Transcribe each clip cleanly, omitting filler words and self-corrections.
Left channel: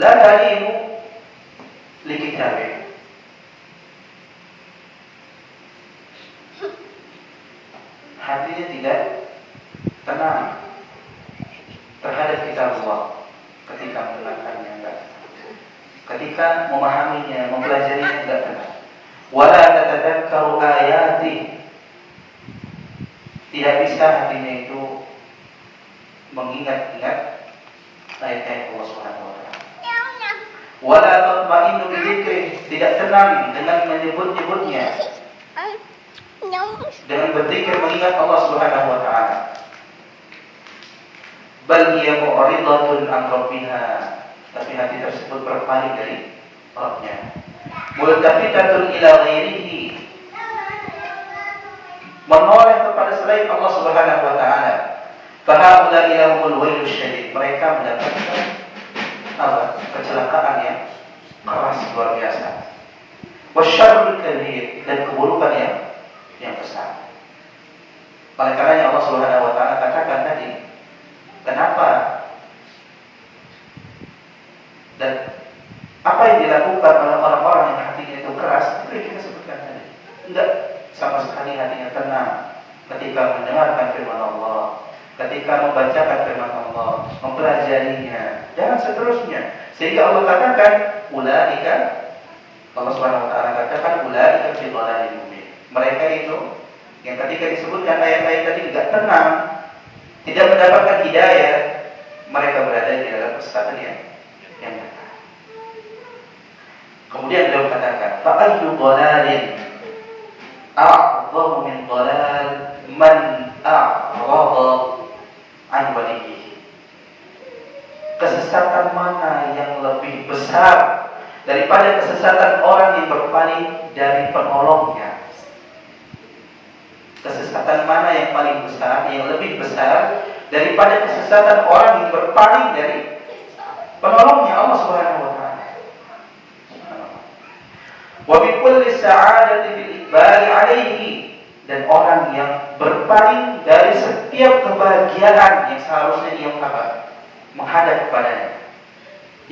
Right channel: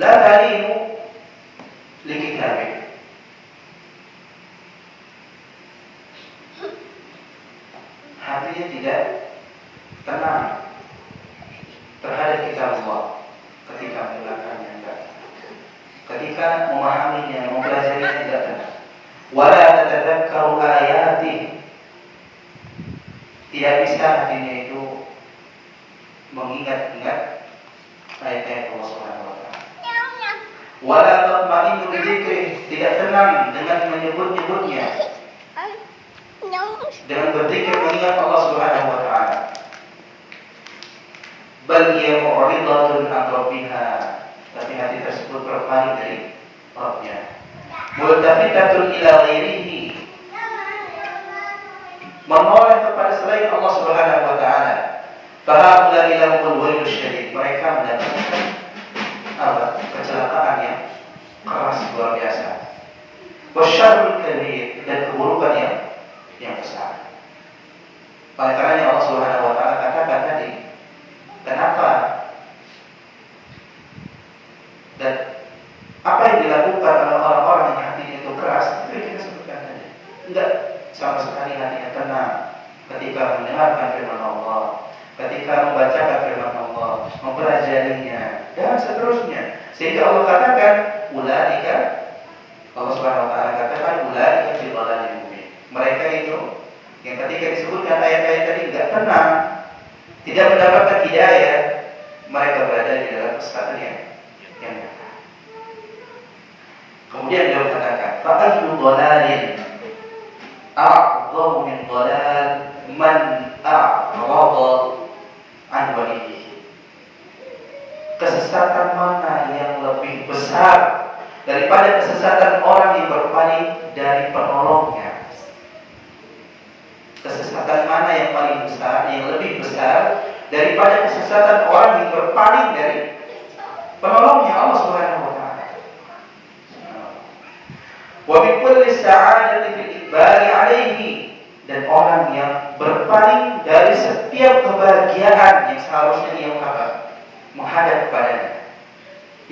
la talimu li kitabih. Hatinya tidak tenang terhadap kitab Allah ketika mendengarkannya, ketika memahaminya, mempelajarinya tidak tenang. Wala tatadzakkaru ayati, tidak bisa hatinya itu mengingat-ingat ayat-ayat Allah Subhanahu wa taala. Wala tatma'innu bi dzikri, tidak tenang dengan menyebut-nyebutnya, dengan berzikir mengingat Allah Subhanahu wa taala. Bal hiya mu'ridatun an rabbiha, tapi hati tersebut berpaling dari Rabbnya. Multafitatun ila ghairihi, menoleh kepada selain Allah Subhanahu wa taala. Fahaula ilahul wailul syadid, mereka mendapatkan kecelakaan yang keras luar biasa. Wasyarrul kabir, dan keburukan yang besar. Oleh karenanya Allah Subhanahu wa taala katakan tadi, kenapa dan apa yang dilakukan oleh orang-orang yang hatinya itu keras, itu yang kita sebutkan tadi. Enggak sama sekali hatinya tenang ketika mendengarkan firman Allah, ketika membacakan firman Allah, mempelajarinya, dan seterusnya. Sehingga Allah katakan, ulaika, Allah Subhanahu wa taala katakan, ulaika fi dhalalin mubin. Mereka itu yang ketika disebutkan ayat-ayat tadi enggak tenang, tidak mendapatkan hidayah, mereka berada di dalam kesesatan yang nyata. Kemudian beliau katakan, fa ayyu dhalalin a'dhamu min dhalal man a'rada an waliyhi. Kesesatan mana yang lebih besar daripada kesesatan orang yang berpaling dari penolongnya? Kesesatan mana yang paling besar, yang lebih besar daripada kesesatan orang yang berpaling dari penolongnya Allah Subhanahu wa taala? Wa bi kulli sa'adatin bil iqbal 'alaihi, dan orang yang berpaling dari setiap kebahagiaan yang seharusnya ia menghadap kepadanya,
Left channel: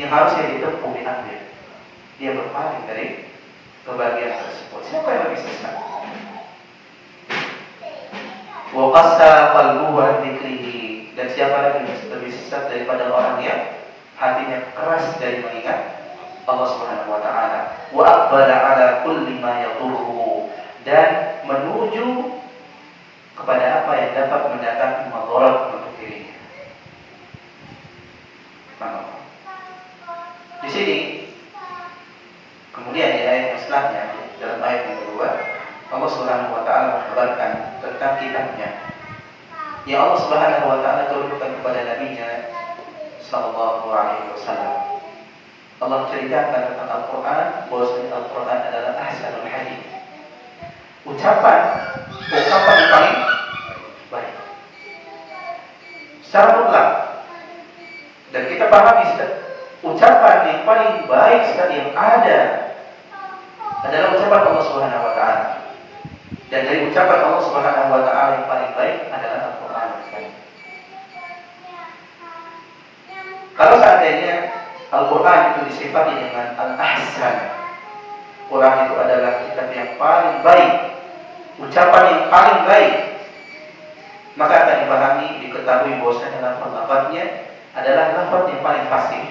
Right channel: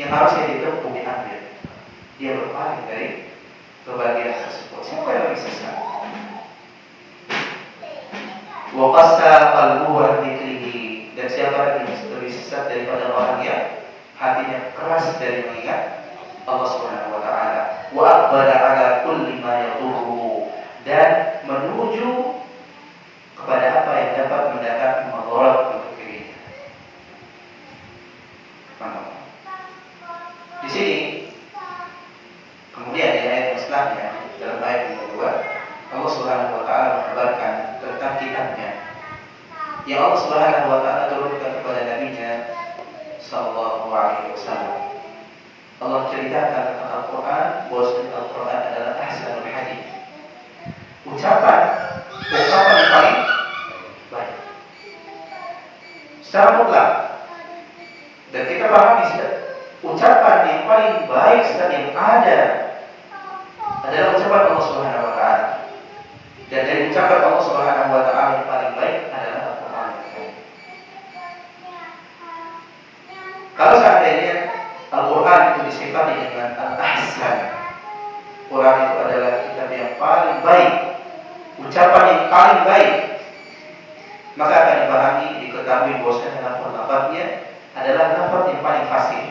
yang harusnya ditempuh, diambil, dia berpaling dari kebahagiaan tersebut. Siapa yang lebih sesat? Wa qassa qalbuhu an dzikrihi, dan siapa lagi yang lebih sesat daripada orang yang hatinya keras dari mengingat Allah Subhanahu wa taala. Wa aqbala ala kulli ma yadurruhu, dan menuju kepada apa yang dapat mendatangkan madarat untuk dirinya. Di sini kemudian di ayat setelahnya, dalam ayat yang kedua, Allah Subhanahu wa taala mengabarkan tentang kitabnya yang Allah Subhanahu wa taala turunkan kepada nabinya sallallahu alaihi wasallam. Allah ceritakan tentang Al-Quran, bahwa Al-Quran adalah ahsanul hadits, ucapan yang paling baik secara mutlak. Dan kita pahami, ucapan yang paling baik yang ada adalah ucapan Allah Subhanahu wa taala. Dan dari ucapan Allah Subhanahu wa taala yang paling baik adalah Al-Quran. Kalau seandainya Al-Quran itu disifati dengan Al-Ahsan, Quran itu adalah kitab yang paling baik, ucapan yang paling baik, maka akan dipahami, diketahui bahwasanya lafaz-lafaznya adalah lafaz yang paling fasih,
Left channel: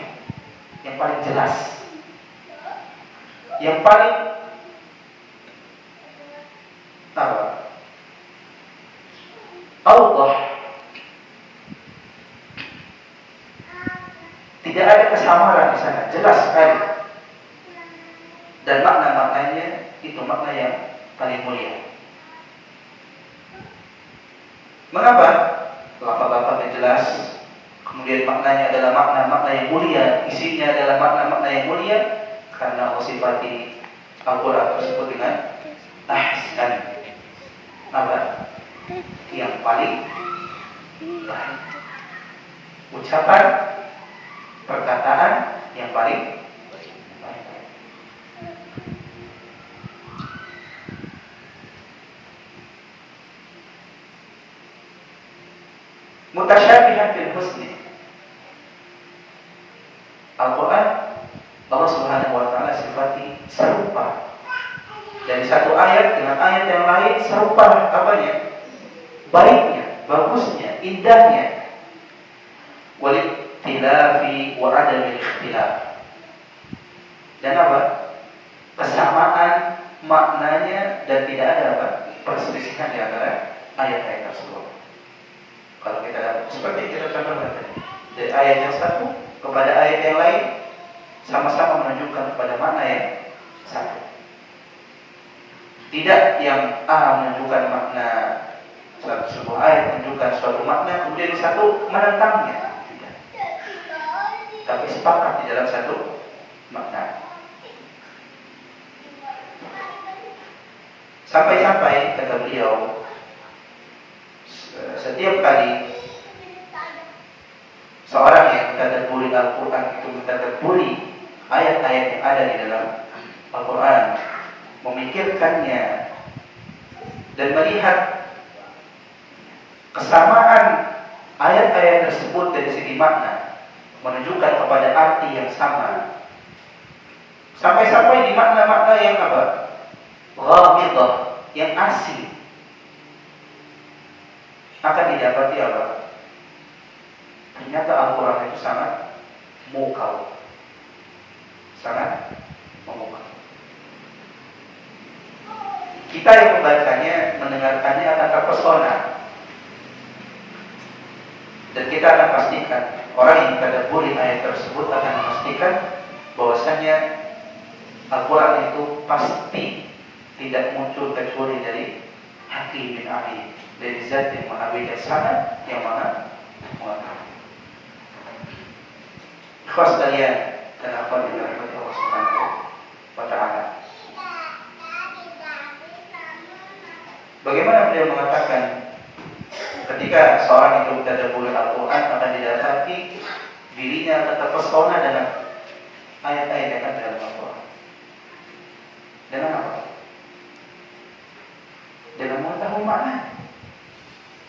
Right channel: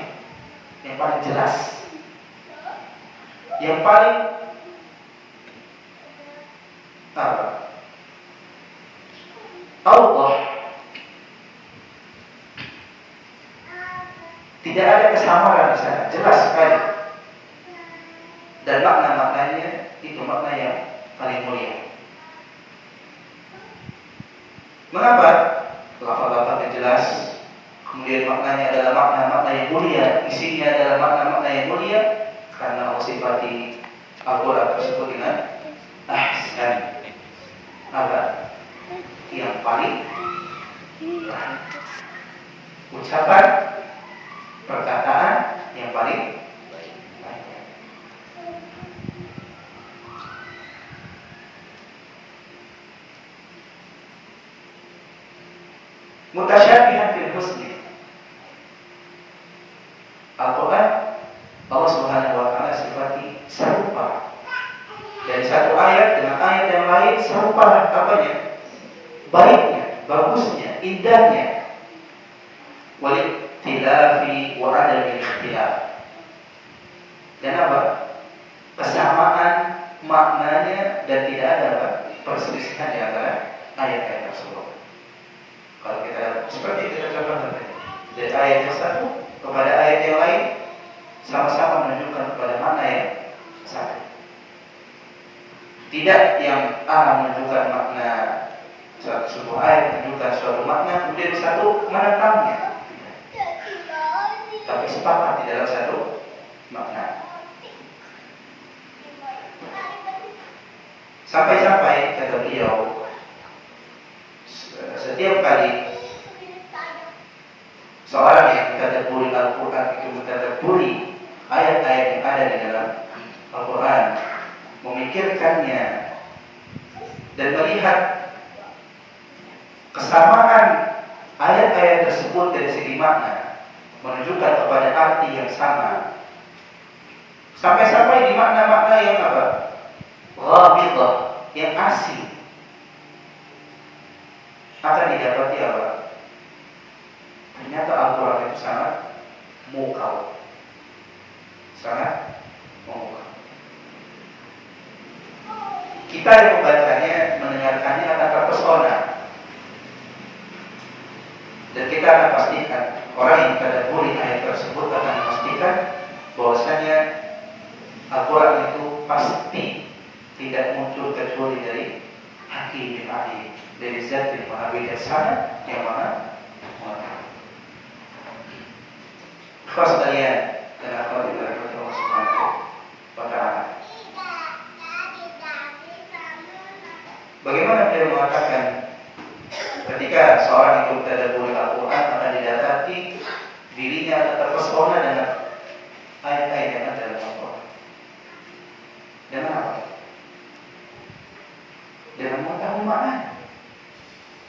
yang paling jelas, yang paling awdah. Tidak ada kesamaran di sana, jelas sekali. Dan makna-maknanya itu makna yang paling mulia. Mengapa? Lafaz-lafaznya jelas, kemudian maknanya adalah makna-makna yang mulia, isinya adalah makna-makna yang mulia, karena Allah sifati Al-Quran tersebut dengan ahsan, apa? Yang paling baik. Ucapan, perkataan yang paling baik. Mutasyabihan fil husni. Al-Quran serupa apanya? Baiknya, bagusnya, indahnya. Wal-ikhtilafi wa adamil ikhtilaf. Dan apa? Kesamaan maknanya dan tidak ada apa? Perselisihan di antara ayat-ayat tersebut. Kalau kita seperti kita contohkan dari ayat yang satu kepada ayat yang lain sama-sama menunjukkan kepada makna yang satu. Tidak yang A menunjukkan makna sebuah ayat menunjukkan suatu makna kemudian satu menentangnya. Tidak. Tapi sepakat di dalam satu makna. Sampai-sampai kata beliau, setiap kali seorang yang mentadabburi Al-Quran itu mentadabburi ayat-ayat yang ada di dalam Al-Quran, memikirkannya dan melihat kesamaan ayat-ayat tersebut dari segi makna, menunjukkan kepada arti yang sama. Sampai-sampai di makna-makna yang apa? Ghamidhah, yang asli, akan didapati apa? Ternyata Al-Quran itu sangat mukau, sangat memukau. Kita yang membacanya, mendengarkannya akan terpesona, dan kita akan pastikan orang yang tadabburi ayat tersebut akan memastikan bahwasanya Al-Quran itu pasti tidak muncul kecuali dari Hakim bin Ali, dari Zat yang maha bijaksana, yang maha mengetahui. Ikhwas sekalian dan akhwat fillah Allah Subhanahu wa ta'ala. Bagaimana beliau mengatakan ketika seorang itu tadabbur Al-Quran akan didapati dirinya akan terpesona dengan ayat-ayat yang ada dalam Al-Quran. Dengan apa? Dengan mengetahui makna.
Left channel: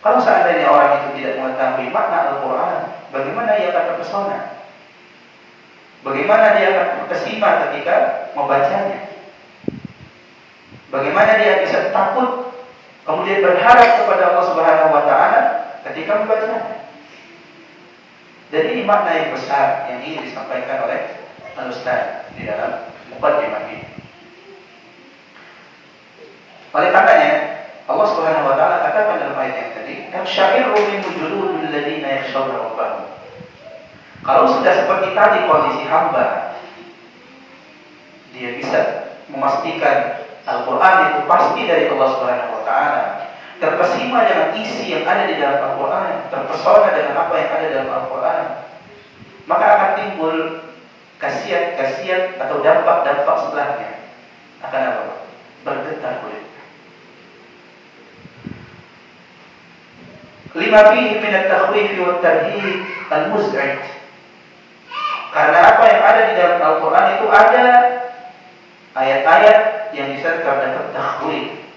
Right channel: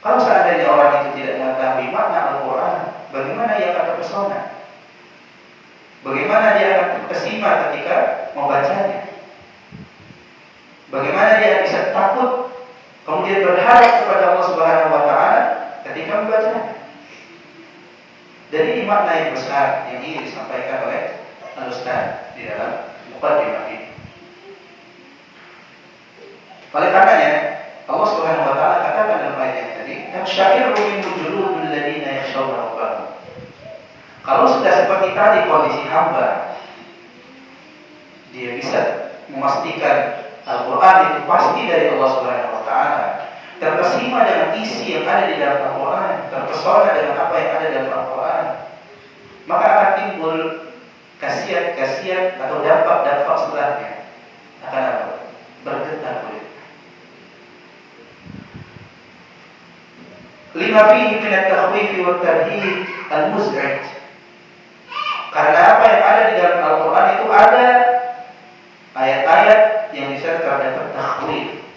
Kalau seandainya orang itu tidak mengetahui makna Al-Quran, bagaimana dia akan terpesona? Bagaimana dia akan terkesima ketika membacanya? Bagaimana dia bisa takut kemudian berharap kepada Allah Subhanahu wa ta'ala ketika membacanya? Jadi ini makna yang besar yang ingin disampaikan oleh Al-Ustaz di dalam muqaddimah ini. Oleh karenanya Allah Subhanahu wa ta'ala katakan dalam ayat yang tadi, "Syairu min juludul ladzina yakhshawna rabbahum." Kalau sudah seperti tadi kondisi hamba, dia bisa memastikan Al-Quran itu pasti dari Allah Subhanahu wa ta'ala, terkesima dengan isi yang ada di dalam Al-Quran, terpesona dengan apa yang ada dalam Al-Quran, maka akan timbul khasiat-khasiat atau dampak-dampak setelahnya. Akan apa? Bergetar kulit. Lima fihi min at-takhwif wa at-tarhib al-muz'ij. Karena apa yang ada di dalam Al-Quran itu ada ayat-ayat yang bisa terdapat takhwif,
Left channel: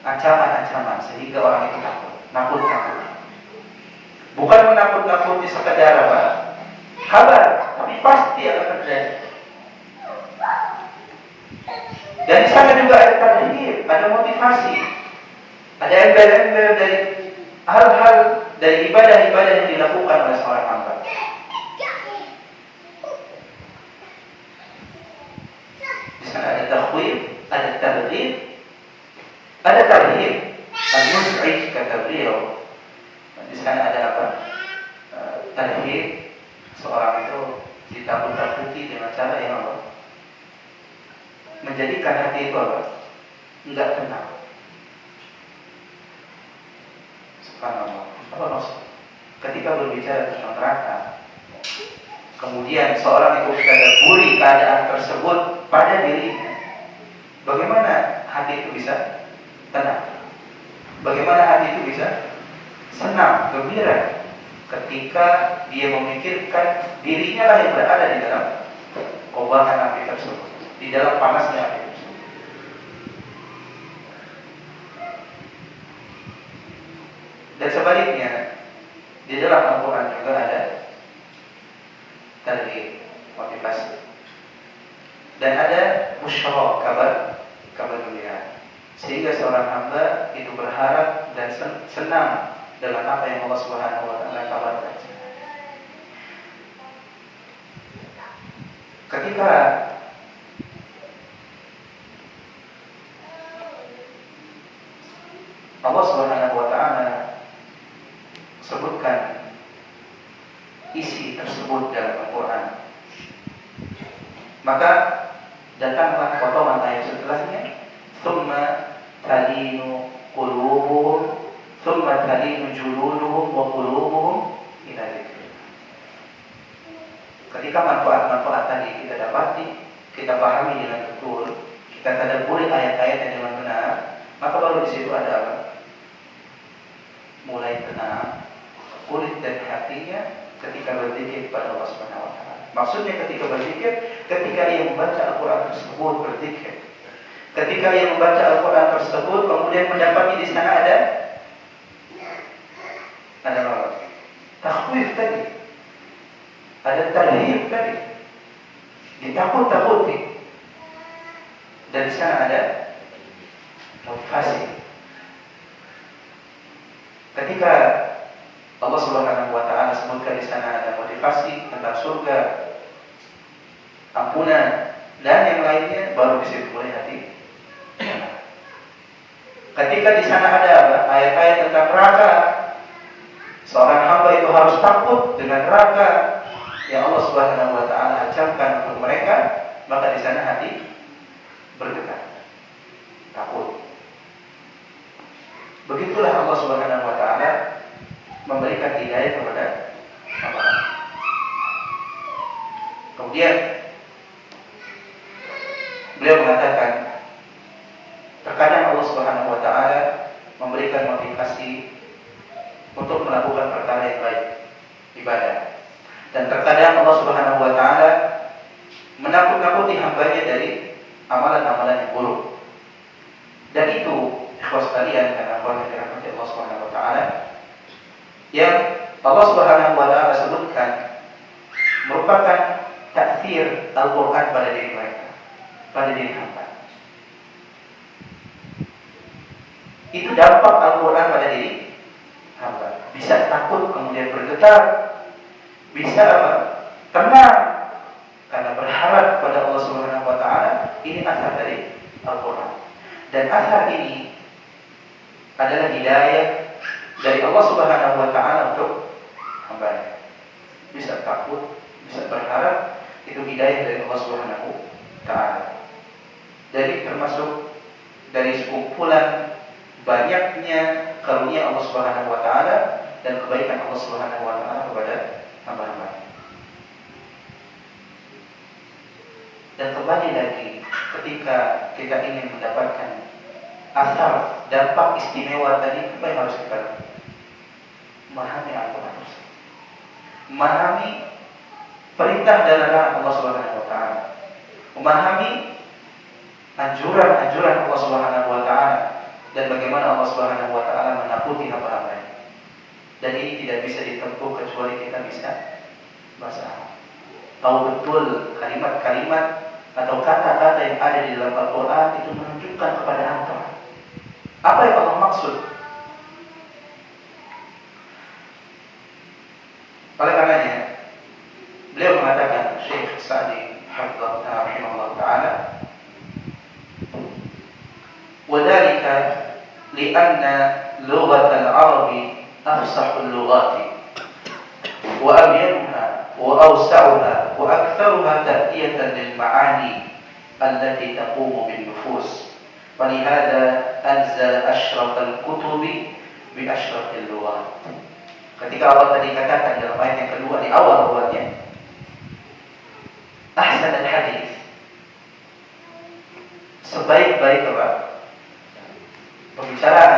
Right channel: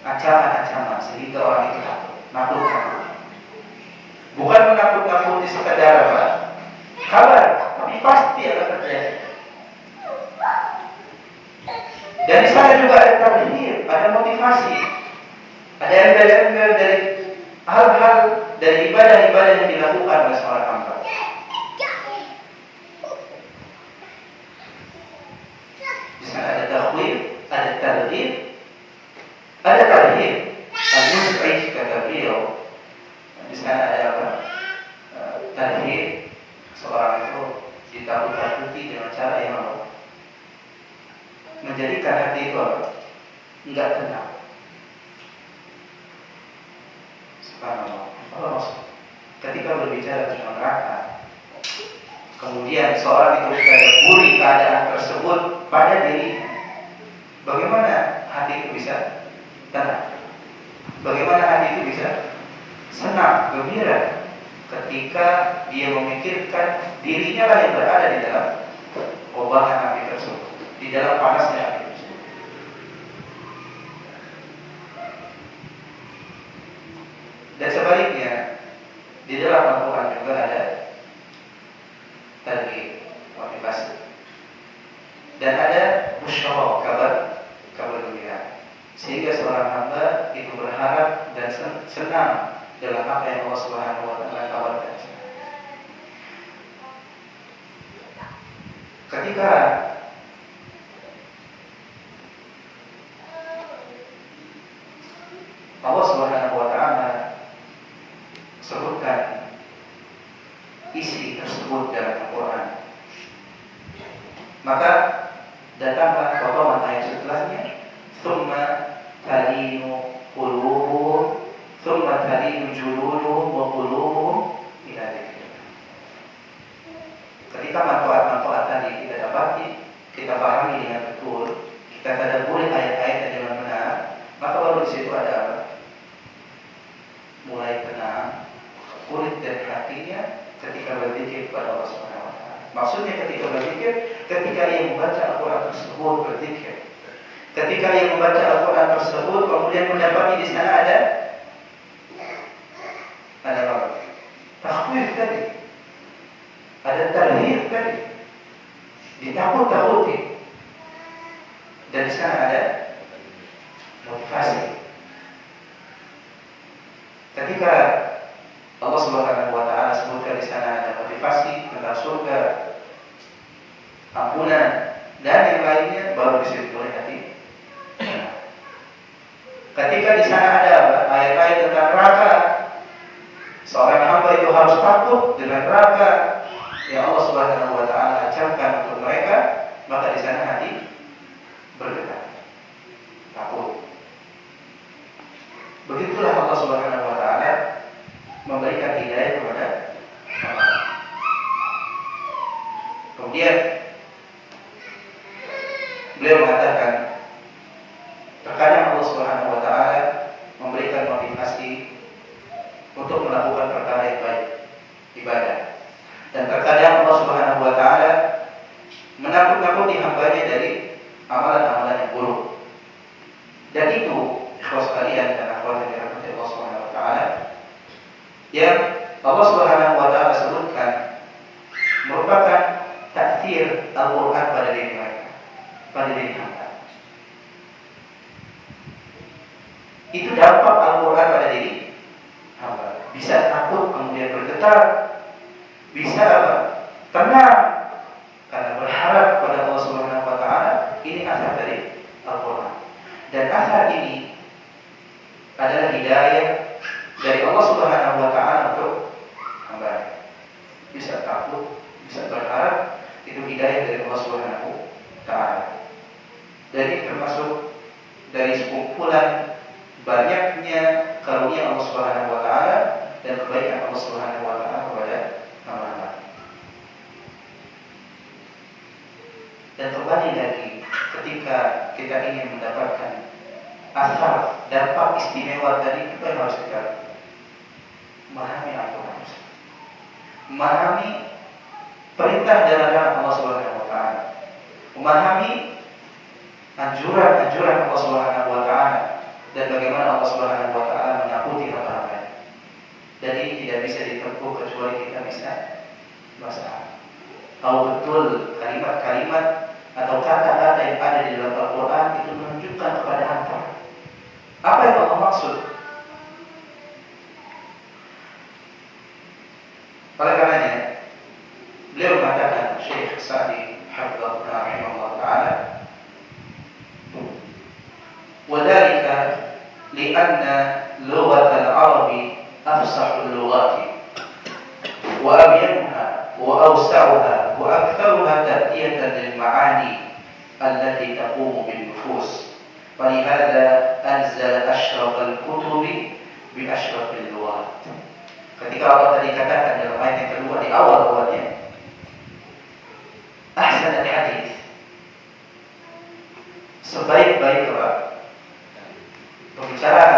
ancaman-ancaman, sehingga orang itu takut, nakut-nakut. Bukan menakut-nakuti sekedar apa? Kabar, tapi pasti akan terjadi. Dan di sana juga ada tarhib, ada motivasi, ada embel-embel dari hal-hal dari ibadah-ibadah yang dilakukan oleh seorang hamba. Di sana ada takhwif, ada tarhib, ada tarhib, al-mus'ij kata beliau. Di sana ada apa? Tarhib, seorang itu ditakut-takuti dengan cara yang apa? Menjadikan hati itu apa? Enggak tenang. Subhanallah. Ketika berbicara tentang neraka, kemudian seorang itu mentadabburi keadaan tersebut pada dirinya, bagaimana hati itu bisa tenang? Bagaimana hati itu bisa senang, gembira ketika dia memikirkan dirinya lah yang berada di dalam kobaran api tersebut, di dalam panasnya api tersebut. Dan sebaliknya, di dalam Al-Quran juga ada tarhib, motivasi, dan ada busyara, kabar gembira. sehingga seorang hamba itu berharap dan senang dalam apa yang Allah Subhanahu wa taala kabarkan. Ketika Allah Subhanahu wa taala sebutkan isi tersebut dalam Al-Quran, maka datanglah potongan ayat setelahnya, "Tsumma talinu qulubuhum, tsumma talinu juluduhum wa qulubuhum ila dzikrillah." Ketika manfaat-manfaat tadi kita dapati, kita pahami dengan betul, kita tadabburi ayat-ayat yang dengan benar, maka baru di situ ada apa? Mulai tenang, kulit dari hatinya ketika berzikir kepada Allah Subhanahu wa taala. Maksudnya ketika berzikir, ketika ia membaca Al-Quran tersebut berzikir. Ketika ia membaca Al-Quran tersebut, kemudian mendapati di sana ada takhwif tadi, ada tarhib tadi, ditakut-takuti, dan di sana ada motivasi. Ketika Allah Subhanahu wa taala sebutkan di sana ada motivasi tentang surga, ampunan dan yang lainnya, baru di situ mulai hati. Ketika di sana ada ayat-ayat tentang neraka, seorang hamba itu harus takut dengan neraka yang Allah Subhanahu wa taala ancamkan untuk mereka, maka di sana hati bergetar, takut. Begitulah Allah Subhanahu wa taala memberikan hidayah kepada hamba. Kemudian beliau mengatakan, terkadang Allah Subhanahu wa taala memberikan motivasi untuk melakukan perkara yang baik, ibadah. Dan terkadang Allah Subhanahu wa taala menakut-nakuti hambanya dari amalan-amalan yang buruk. Dan itu, ikhwas sekalian, karena Allah dirahmati Allah Subhanahu wa taala, yang Allah Subhanahu wa taala sebutkan merupakan ta'thir Al-Qur'an pada diri mereka, pada diri hamba. Itu dampak Al-Quran pada diri hamba. Bisa takut kemudian bergetar, bisa apa? Tenang karena berharap pada Allah Subhanahu wa taala. Ini asal dari Al-Quran. Dan asal ini adalah hidayah dari Allah Subhanahu wa taala untuk hamba. Bisa takut, bisa berharap, itu hidayah dari Allah Subhanahu wa taala. Jadi termasuk dari sekumpulan banyaknya karunia Allah Subhanahu wa taala dan kebaikan Allah Subhanahu wa taala kepada hamba-hamba. Dan kembali lagi, ketika kita ingin mendapatkan asal dampak istimewa tadi, apa yang harus kita lakukan? Memahami Al-Quran, memahami perintah dan larangan Allah Subhanahu wa taala, memahami anjuran-anjuran Allah Subhanahu wa taala, dan bagaimana Allah Subhanahu wa taala menakuti hamba-hambanya. Dan ini tidak bisa ditempuh kecuali kita bisa bahasa Arab. Tahu betul kalimat-kalimat atau kata-kata yang ada di dalam Al-Quran itu menunjukkan kepada anda apa yang Allah maksud. Oleh karenanya, beliau mengatakan, Syekh Sa'di Hafizahullah Ta'ala, وذلك لأن لغة العرب أفصح اللغات وأبينها وأوسعها وأكثرها تأتية للمعاني التي تقوم بالنفوس، ولهذا أنزل أشرف الكتب بأشرف اللغات. Ketika Allah tadi katakan dalam ayat yang kedua di awal buatnya, ahsan al-hadis, sebaik-baik pembicaraan